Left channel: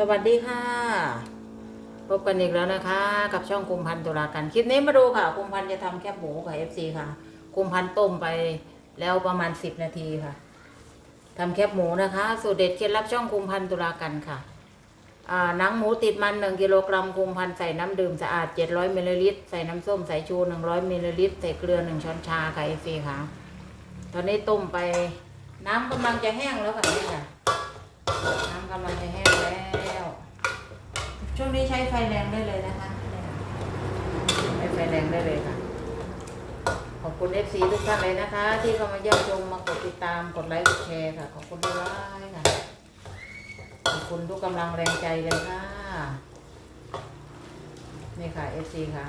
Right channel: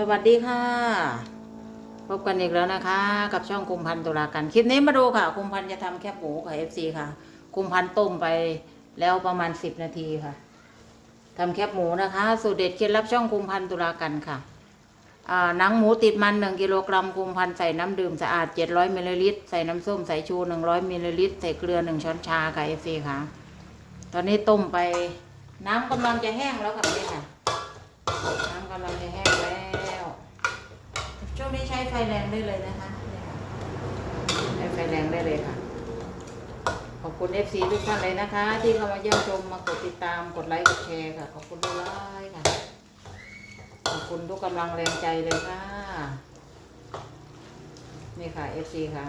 สวัสดีค่ะ พบกันอีกแล้วนะคะ กับช่องกุมพันธ์ตุลากันคลิปนี้มาดูค่ะกุมพันธ์จะทำแคบหมูกับเอฟซีค่ะกุมพันธ์ต้มไปแล้วประมาณสิบนาทีค่ะทำแคบหมูนะคะ สูตรเด็ดเคล็ดลับช่องกุมพันธ์ตุลากันค่ะอ่าหนังหมูติดมันหนึ่งกิโลกรัมกุมพันธ์ใส่น้ำดื่มสะอาดเจ็ดร้อยมิลลิลิตร ใส่น้ำส้มสายชูหนึ่งร้อยมิลลิลิตร ใส่เกลือหนึ่งช้อนชาค่ะเอฟซีค่ะ ตอนนี้ต้มไปน้ำกำลังจะแห้งแล้วค่ะนี่ค่ะ น้ำกำลังจะแห้งแล้ว ช่วงนี้ใช้ไฟแรงได้เลยนะคะนี่ค่ะใช้ไฟแรงได้เลยค่ะ ขอบคุณเอฟซีทุกท่านเลยนะคะ ที่เข้ามาเยี่ยมชมมากดติดตามกดไลค์กดแชร์ค่ะ ขอบคุณด้วยค่ะขอบคุณทุกกำลังแรงใจเลยค่ะ นี่ค่ะเอฟซีค่ะ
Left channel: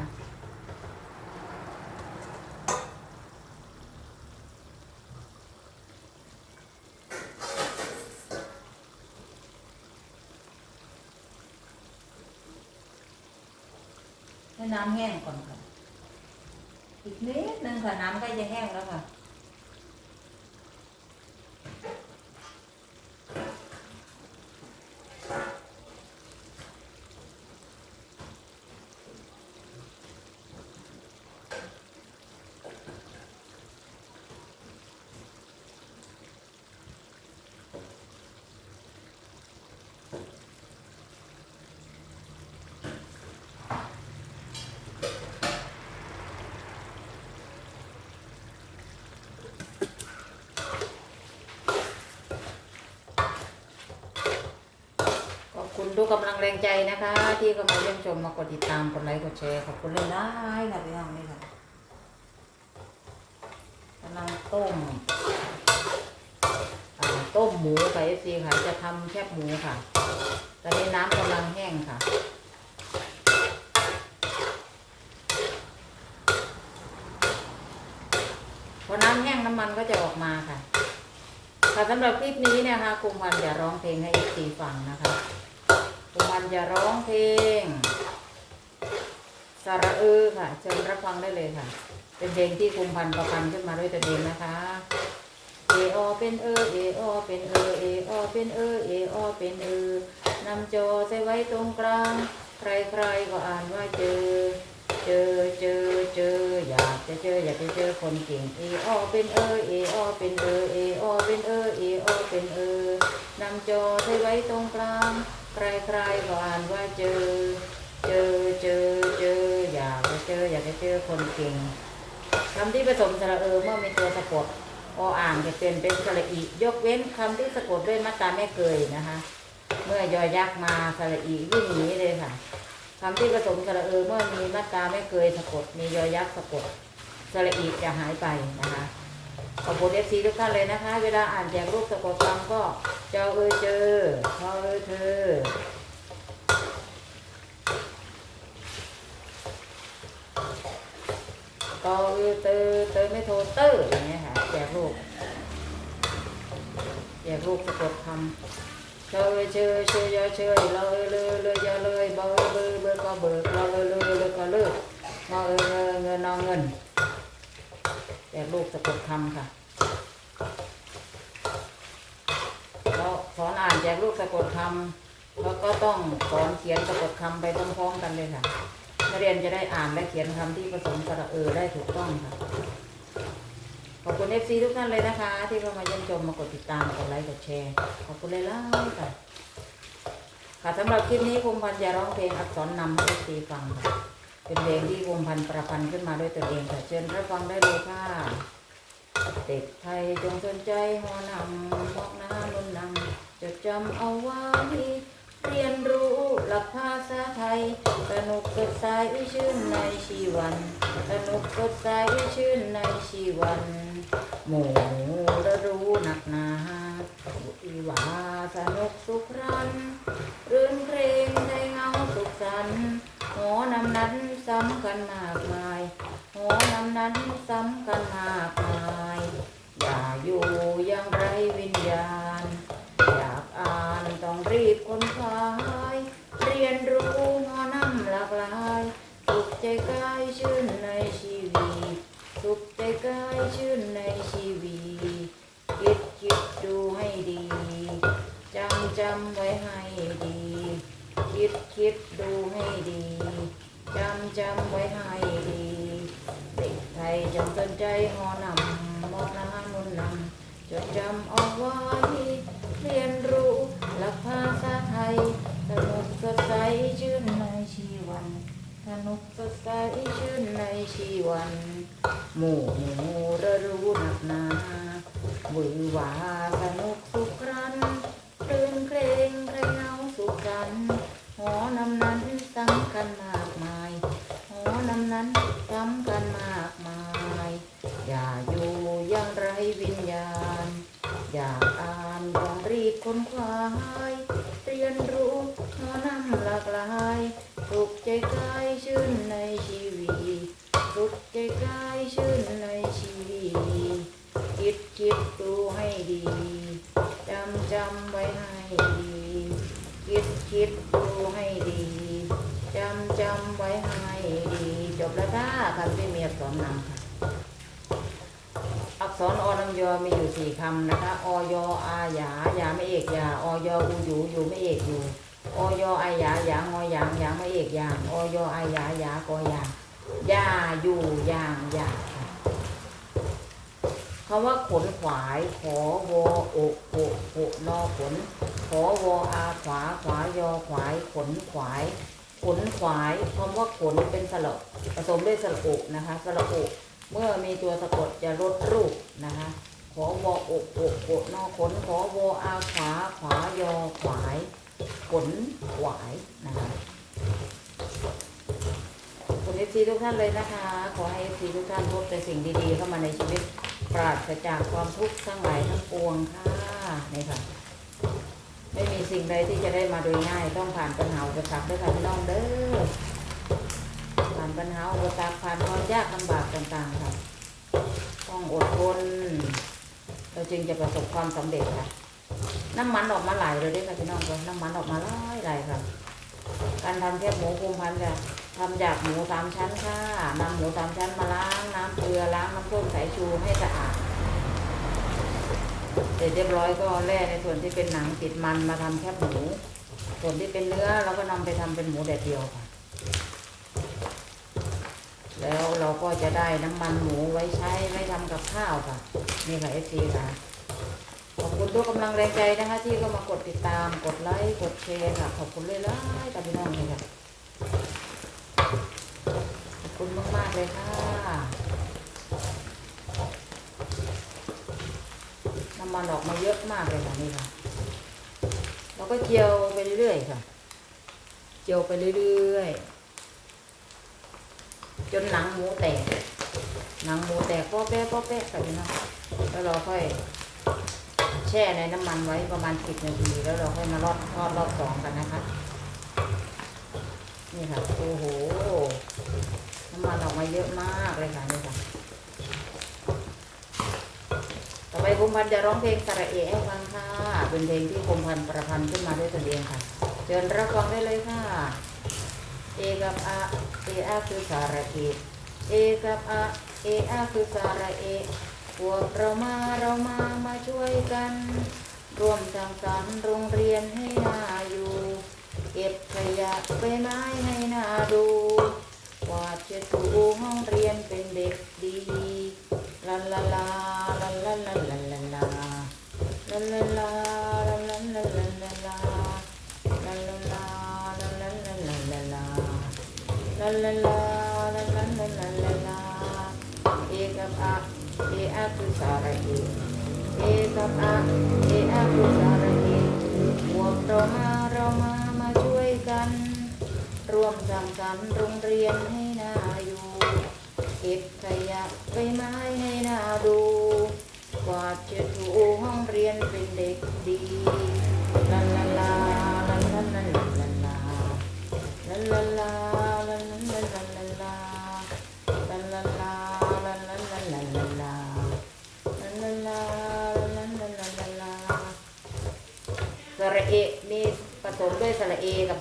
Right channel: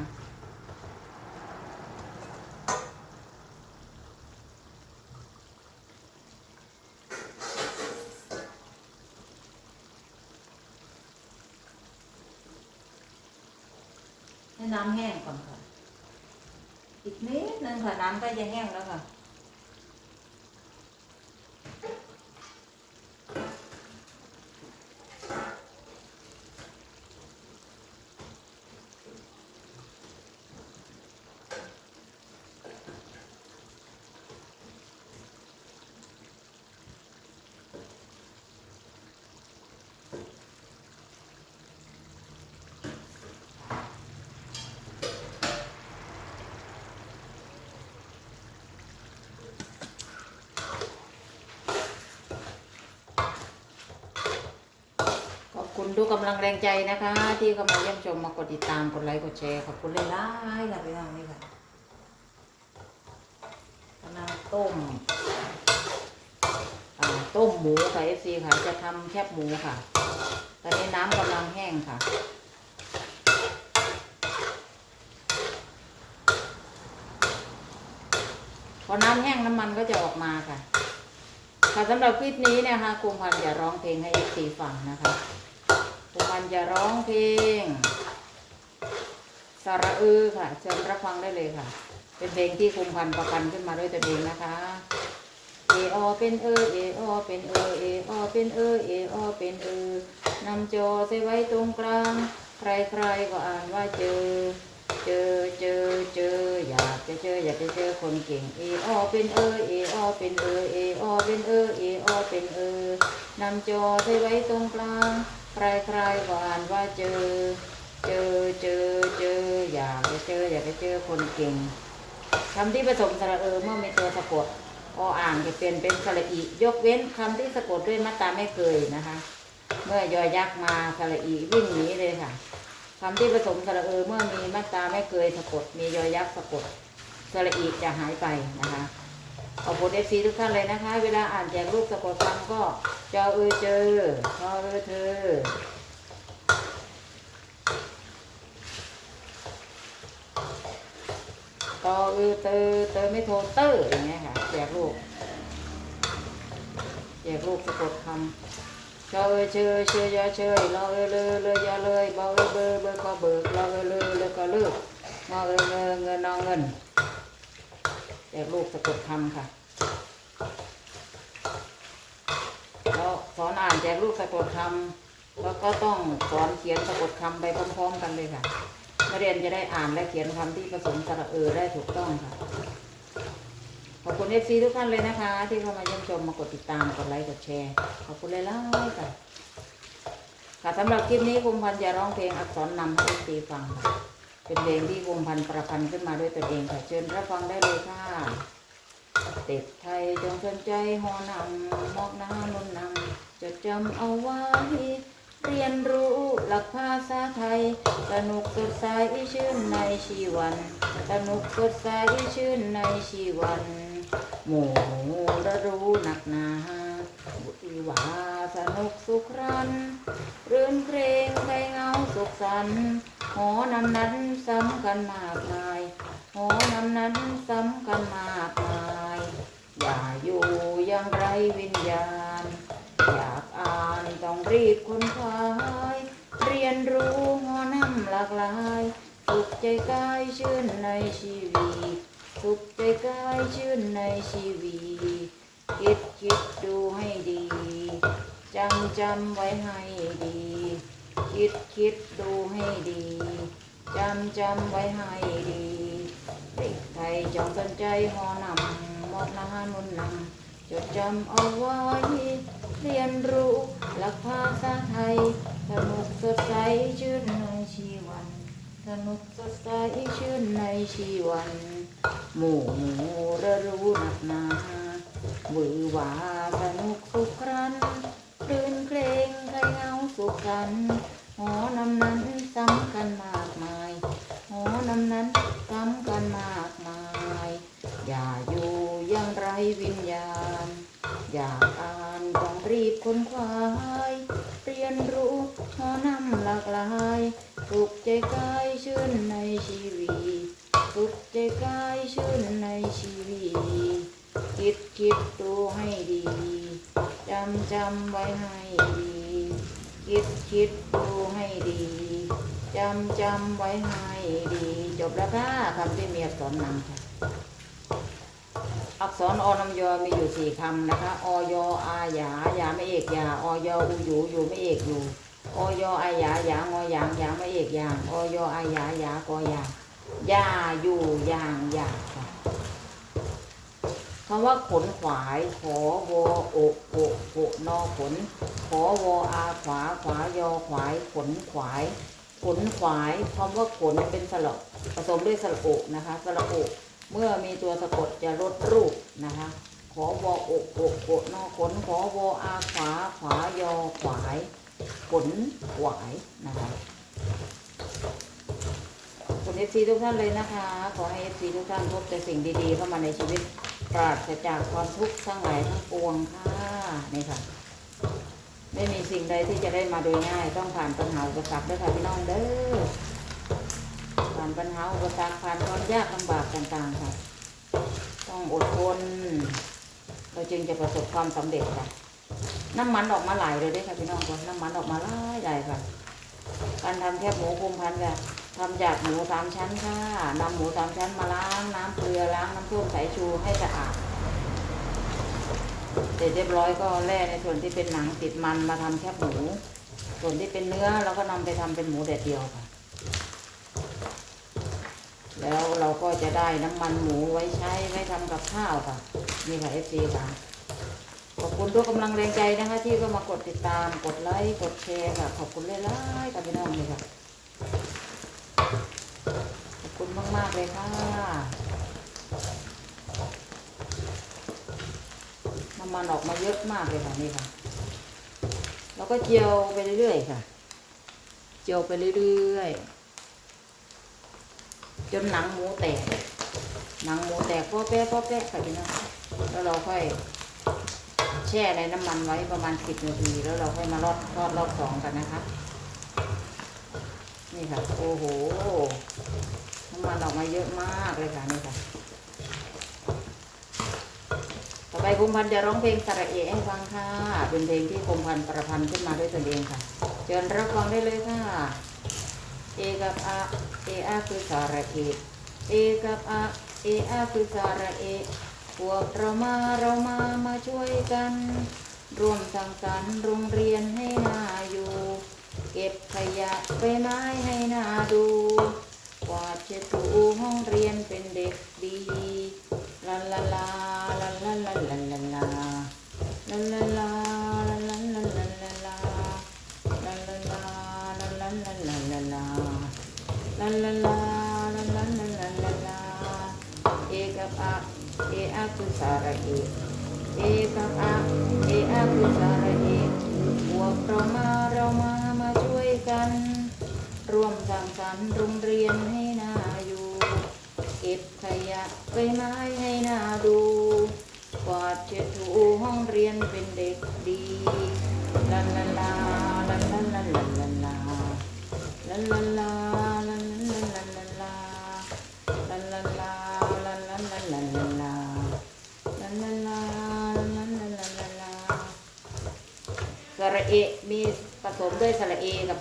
ให้น้ำแห้งก่อนค่ะอีกนิดนึงค่ะน้ำใกล้จะแห้งแล้วค่ะ คุณทุกกำลังแรงใจนะคะ ที่เข้ามาเยี่ยมชมมากดติดตามกดไลค์กดแชร์ขอบคุณเลยนะค่ะพี่น้องนี่ค่ะกำลังต้มต้มหมูค่ะเอซีค่ะจะทำแคบหมูค่ะ ตอนนี้น้ำกำลังแห้งค่ะพอน้ำแห้งน้ำมันก็จะออกมาค่ะ ค่ะสำหรับคลิปนี้เนี่ยค่ะกุมพันจะร้องเพลงให้เอซีฟังนะคะ กุมพันธ์จะร้องเพลง สระเออค่ะเชิญรับฟังได้เลยค่ะ เป็นเพลงที่กุมพันประพันธ์ขึ้นมาด้วยตัวเองนะคะเอออเป็นเออเออเป็นเออเออเป็นเออเออเป็นเออนำจอใส่ไว้ตรงกลาง ใครๆก็อ่านว่าเจอ เจอเจอเจออยากจะเจออยากจะเจอคนเก่งเออเป็นเออเออเป็นเออเออเป็นเออเออเป็นเออนำจอที่ไว้ตรงกลาง รใครๆก็อ่านว่าเจอ เจอเจอเจออยากจะเจออยากจะเจอคนเก่งคำที่ผสมสระเออเมื่อมีตัวสะกดออ่านจะเปลี่ยนเป็นสระอียกเว้นคำที่สะกดด้วยมาตราไม่เคยนะคะ เมื่อยอยักมาสระอีวิ่งหนีเลยค่ะคำที่ผสมสระเออเมื่อมีมาตราไม่เคยสะกดมียอยักสะกดสระอีจะหายไปนะคะ ขอบคุณเอฟซีทุกท่านเลยนะคะ เวลาอ่านแจกรูปสะกดคำก็เจ้าเออเจอพอเออเธอตอเออเตอเตอไม่โทรเตอร์อย่างเงี้ยค่ะแจกรูปแจกรูปสะกดคำเราเอยเชยเชยยาเชยเราเอยเลยเลยยาเลยบอเอยเบยเบยก็เบิกเราเอยเลยเลยก็เลิกมาเอยเงินเงินนาเงิน แต่ลูกสะกดคำค่ะแล้วสอนอ่านแจกลูกสะกดคำแล้วก็ต้องสอนเขียนสะกดคำไปพร้อมๆกันเลยค่ะนักเรียนจะได้อ่านและเขียนคำที่ผสมสระเออได้ถูกต้องค่ะขอบคุณเอฟซีทุกท่านเลยนะคะ ที่เข้ามาเยี่ยมชมมากดติดตามกดไลค์กดแชร์ขอบคุณเลยล่ะค่ะค่ะสำหรับคลิปนี้ภูมิพันธ์จะร้องเพลงอักษรนำให้เอฟซีฟังค่ะ เป็นเพลงที่ภูมิพันประพันธ์ขึ้นมาด้วยตัวเองค่ะเชิญรับฟังได้เลยค่ะเด็กไทยจงสนใจหอนำมอกน้านุ่นนำจดจำเอาไว้เรียนรู้หลักภาษาไทย สนุกสดใสชื่นในชีวัน สนุกสดใสชื่นในชีวัน หมู่ได้รู้หนักหนาบุตรีว่าสนุกสุขรันรื่นเพลงไทยเงาสุขสันต์ หอนำนั้นซ้ำกันมากมายหอนำนั้นซ้ำกันมากมายอย่าอยู่อยังไรวิญญาณ อยากอ่านต้องรีบค้นคว้ายเรียนรู้หอนำหลากหลายสุขใจกาย จำไว้ให้ดีเด็กไทยจงสนใจหอนำวัฒนานุนนำจดจำเอาไว้เรียนรู้หลักภาษาไทยสนุกสดใสชื่นในชีวันสนุกสดใสชื่นในชีวัน หมู่หมู่ระรู้หนักหนาหวือหวาสนุกสุขรันตื่นเพลงไทยเงาสุขันหอนำ วิญญาณ อยากอ่านต้องรีบค้นคว้าเรียนรู้หอนำหลากหลายปลุกใจกายชื่นในชีวีปลุกใจกายชื่นในชีวีคิดคิดดูให้ดีจำจำไว้ให้ดีคิดคิดดูให้ดีจำจำไว้ให้ดี จบแล้วค่ะคำที่เมียผมนำค่ะ ษรอลงยอมีอยู่สี่คำนะคะอยอาหยายาไม่เอกยาอยอูอยู่อยู่ไม่เอกอยู่ ออยอาหยายางอยางยางไม่เอกยางออยอาหยายากอยางยาอยู่หยางหยาคำว่าขนขวาย ขอวอโอโอโอนอขน ขอวออาขวาขวายอขวาย ขนขวาย ขนขวายคำว่าขนเป็นสระผสมด้วยสระโอนะคะสระโอ เมื่อมีตัวสะกดจะลดรูปนะคะ ขอวออกอกอกนอขนขอวออาขวาขวายอขวายขนขวายนะคะขอเอฟซีทุกท่านเลยนะคะ ขอให้เอฟซีทุกท่านพบแต่สิ่งดีๆ เข้ามาในชีวิตปราศจากความทุกข์สร้างหลายทั้ปวงค่ะนี่ค่ะไม่มีสิ่งใดที่จะได้มาโดยง่าย ต้องผ่านปัญหาอุปสรรคด้วยค่ะพี่น้องเด้อ ญหาอุปสรรคผ่านความยากลำบากต่างๆค่ะ ต้องอดทนเราจึงจะประสบความสำเร็จค่ะ น้ำมันออกมาหลายเลยด้วยค่ะพี่น้องค่ะน้ำมันออกมาหลายหลายค่ะการทำแคบหมูคุมพันค่ะทำจากหมูสามชั้นค่ะนำหมูสามชั้นมาล้างน้ำเกลือล้างน้ำส้มสายชูให้สะอาดเสร็จเรียบร้อยก็แล่ในส่วนที่เป็นหนังติดมันมาทำแคบหมู ส่วนที่เป็นเนื้อเราก็นำไปทำเป็นหมูแดดเดียวค่ะ แล้วเราก็จะได้น้ำมันหมูไว้ใช้ไม่ทำกับข้าวค่ะ นี่ค่ะเอฟซีค่ะ ขอบคุณทุกกำลังแรงใจนะคะ ที่ก็มากดติดตาม กดไลค์ กดแชร์ค่ะ ขอบคุณเลยล่ะกับพี่นองเลยค่ะ ขอบคุณมากๆเลยค่ะ น้ำมันออกมาเยอะมากเลยค่ะนี่ค่ะ แล้วก็เจียวไปเรื่อยๆค่ะ เจียวไปเรื่อยๆ จนหนังหมูแตกหนังหมูแตกโป๊ะเป๊ะโป๊ะเป๊ะใส่ไปเนาะแล้วเราค่อยแช่ในน้ำมันไว้ประมาณสิบนาทีแล้วเราค่อยมารอบทอดรอบสองกันนะคะนี่ค่ะโอ้โหน้ำมันออกมาเยอะมากเลยค่ะนี่ค่ะต่อไปคุมพันจะร้องเพลงสระเอะฟังค่ะเป็นเพลงที่คุมพันประพันธ์ขึ้นมาด้วยตัวเองค่ะเชิญรับฟังได้เลยค่ะ เอกับอาเออาคือสารเอเอกับอาเออาคือสารเอพวกเรามาเรามามาช่วยกัน ร่วมสังสรรค์โรงเรียนให้น่าอยู่ เก็บขยะใบไม้ให้น่าดูกวาดเช็ดถูห้องเรียนเป็นเด็กดีลาลาลาลาลาลา Tchau.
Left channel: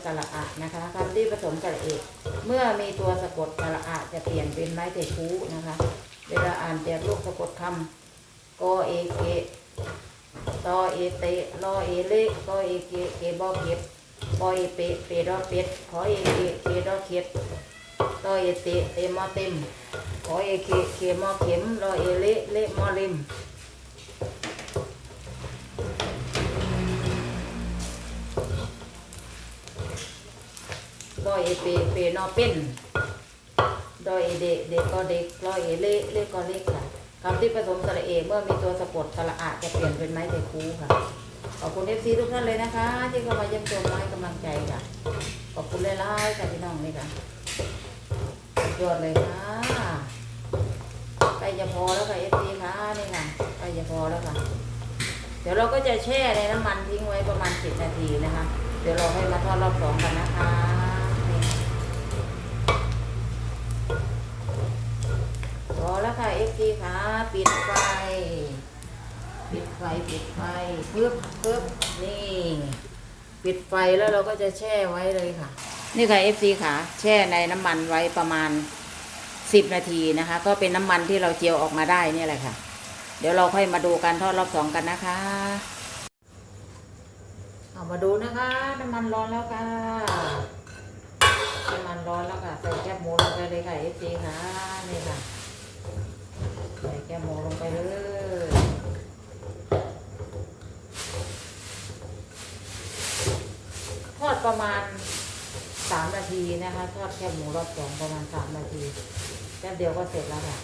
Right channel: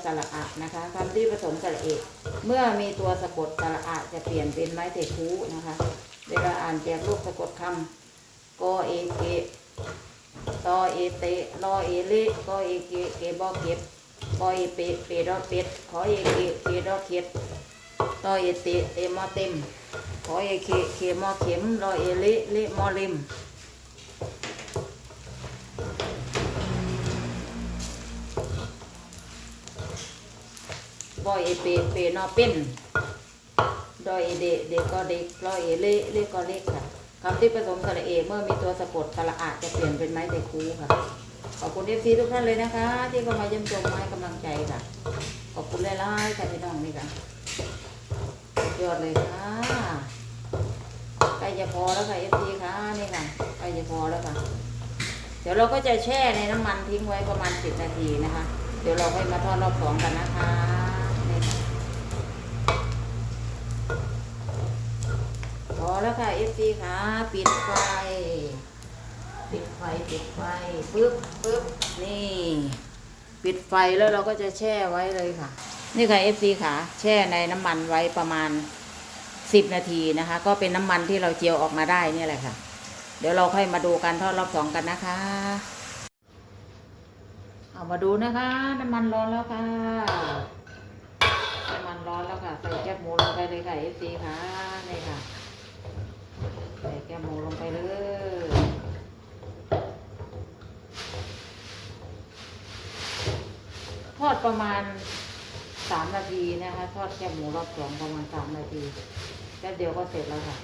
ระอะอะนะคะคำที่ผสมสระเอะเมื่อมีตัวสะกดสระอะจะเปลี่ยนเป็นไม้เตะคูนะคะ เวลาอ่านแจกลูกสะกดคำกอเอเกตอเอเตลอเอเลกอเอเกเกบอเก็บปอเอเปเปดอเป็ดขอเอเคเคดอเข็ดตอเอเตเตมอเต็มขอเอเคเคมอเข็มรอเอเลเลมอเล็ม ดอยเอเปเปนอเป็นดอยเอเดเดก็เด็กรอยเอเล่เล่ก็เล็กค่ะคำที่ผสมสระเอเมื่อมีตัวสะกดสระอะจะเปลี่ยนเป็นไม้แต่คูค่ะขอบคุณเอฟซีทุกท่านเลยนะคะ ที่เข้ามาเยี่ยมชมมาให้กำลังใจค่ะ ขอบคุณหลายๆค่ะพี่น้องนี่ค่ะยอดเลยค่ะใกล้จะพอแล้วค่ะเอฟซีค่ะนี่ค่ะใกล้จะพอแล้วค่ะ เดี๋ยวเราก็จะแช่ในน้ำมันทิ้งไว้ประมาณสิบนาทีนะคะ เดี๋ยวเราให้มาทอดรอบสองกันนะคะนี่พอ แล้วค่ะเอฟซีค่ะปิดไฟ ปิดไฟ ปิดไฟปึ๊บปึ๊บนี่ ปิดไฟแล้วเราก็จะแช่ไว้เลยค่ะ นี่ค่ะ FC ค่ะ แช่ในน้ำมันไว้ประมาณ 10 นาทีนะคะ ก็เป็นน้ำมันที่เราเจียวออกมาได้เนี่ยแหละค่ะ เดี๋ยวเราค่อยมาดูการทอดรอบสองกันนะคะเอามาดูนะคะ น้ำมันร้อนแล้วค่ะน้ำมันร้อนแล้วค่ะใส่แก้มหมูลงไปเลยค่ะ FC ค่ะนี่ค่ะ ใส่แก้มหมูลงไปเลยทอดประมาณสามนาทีนะคะ ทอดแค่หมูรอบสองประมาณสามนาทีแป๊บเดียวก็เสร็จแล้วค่ะ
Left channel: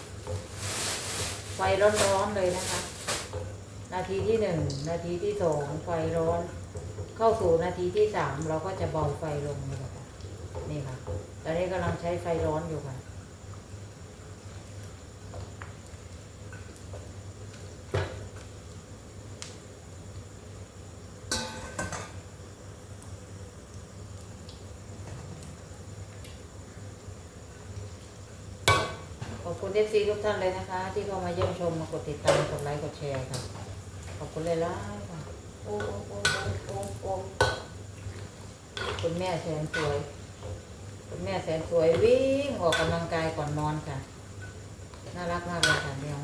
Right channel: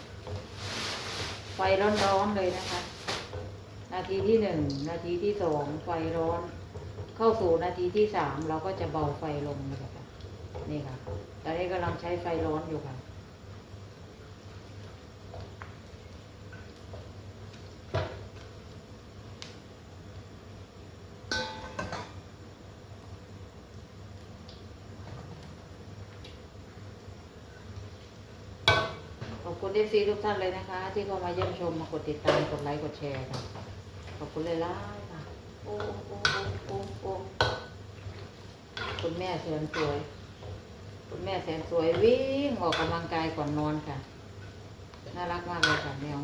ไฟร้อนๆเลยนะคะ นาทีที่หนึ่งนาทีที่สองไฟร้อน เข้าสู่นาทีที่สามเราก็จะเบาไฟลงนะคะนี่ค่ะตอนนี้กำลังใช้ไฟร้อนอยู่ค่ะ ขอบคุณ เอฟซีทุกท่านเลยนะคะ ที่เข้ามาเยี่ยมชมมากดติดตามกดไลค์กดแชร์ค่ะขอบคุณเลยล่ะค่ะโอ้โอ้โอ้โอ้โอ้คุณแม่แสนสวย คุณแม่แสนสวยวิ่งออกกำลังกายก่อนนอนค่ะ น่ารักมากเลยค่ะแมว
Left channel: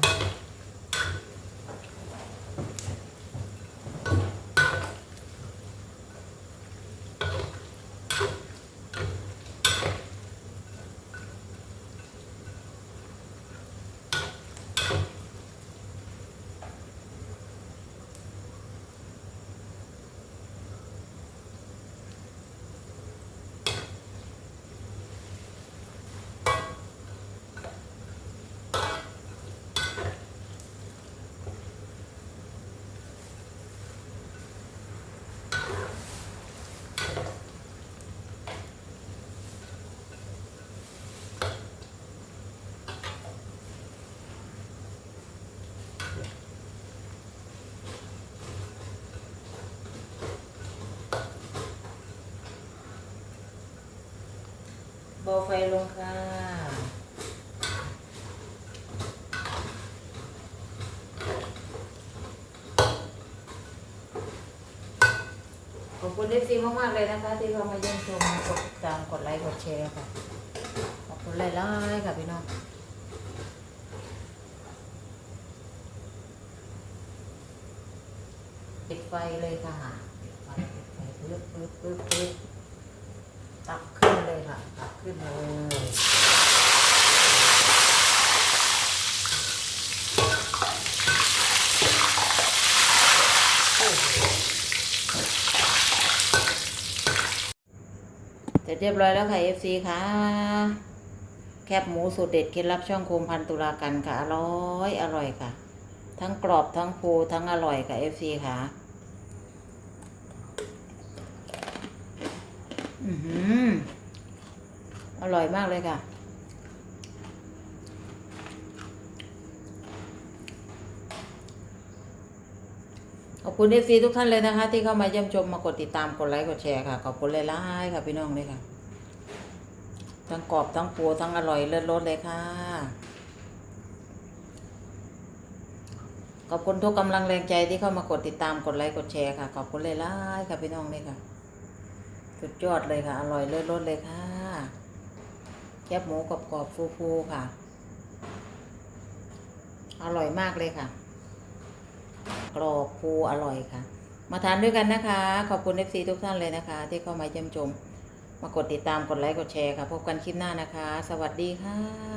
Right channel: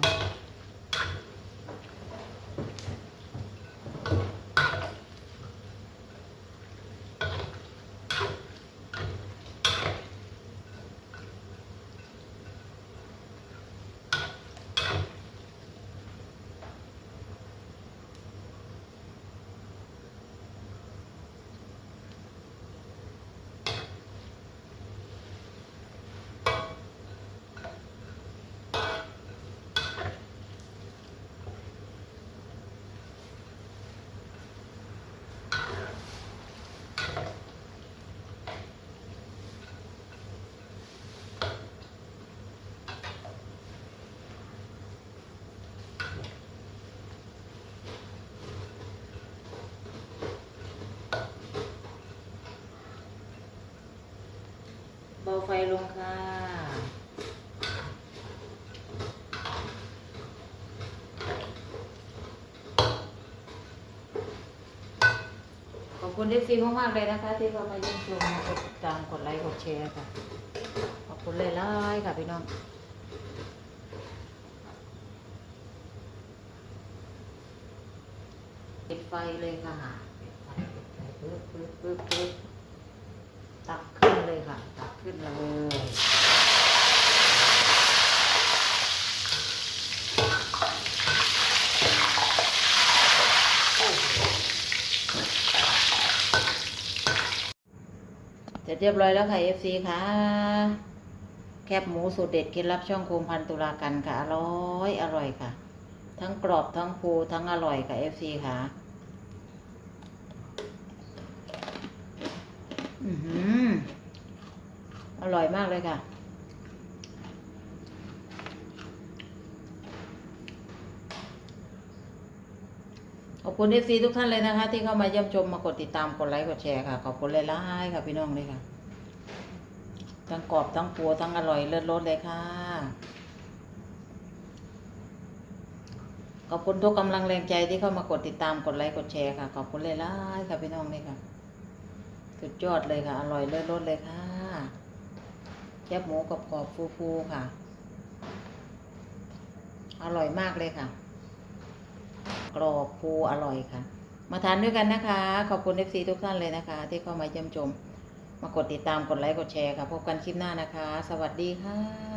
เบาไฟลงค่ะ ขอบคุณเอฟซีมากๆเลยนะคะ ที่เข้ามาเยี่ยมชมกดติดตามกดไลค์กดแชร์ค่ะ ขอบคุณหลายๆค่ะพี่น้องปิดไฟเลยค่ะปิดไฟปิดไฟปึ๊บปึ๊บปึ๊บปึ๊บตับขึ้นเลยค่ะ ขึ้นเลยเสร็จเรียบร้อยแล้วค่ะ FC ค่ะ แคบหมูสูตรเด็ดเคล็ดลับช่องโคมพันตุลากันค่ะ อร่อยอร่อยค่ะ ทั้งกรอบทั้งฟูทั้งอร่อยค่ะ FC ค่ะอือหือ อร่อยมากเลยค่ะ ขอบคุณเอฟซีทุกท่านเลยนะคะ ที่เข้ามาเยี่ยมชมมากดติดตามกดไลค์กดแชร์ค่ะ ขอบคุณเลยล่ายค่ะพี่น้องเลยค่ะ ทั้งกรอบทั้งปูทั้งอร่อยเลิศรสเลยค่ะ ขอบคุณทุกกำลังแรงใจที่เข้ามากดติดตามกดไลค์กดแชร์ค่ะ ขอบคุณเลยล่ายค่ะพี่น้องเลยค่ะ สุดยอดเลยค่ะ อร่อยเลิศรสเลยค่ะ คบหมูกรอบๆฟูๆค่ะ อร่อยมากเลยค่ะ กรอบฟูอร่อยค่ะ มาทานด้วยกันนะคะ ขอบคุณ FC ทุกท่านเลยนะคะ ที่เข้ามาเยี่ยมชมมากดติดตามกดไลค์กดแชร์ค่ะ พบกันคลิปหน้านะคะ สวัสดีค่ะ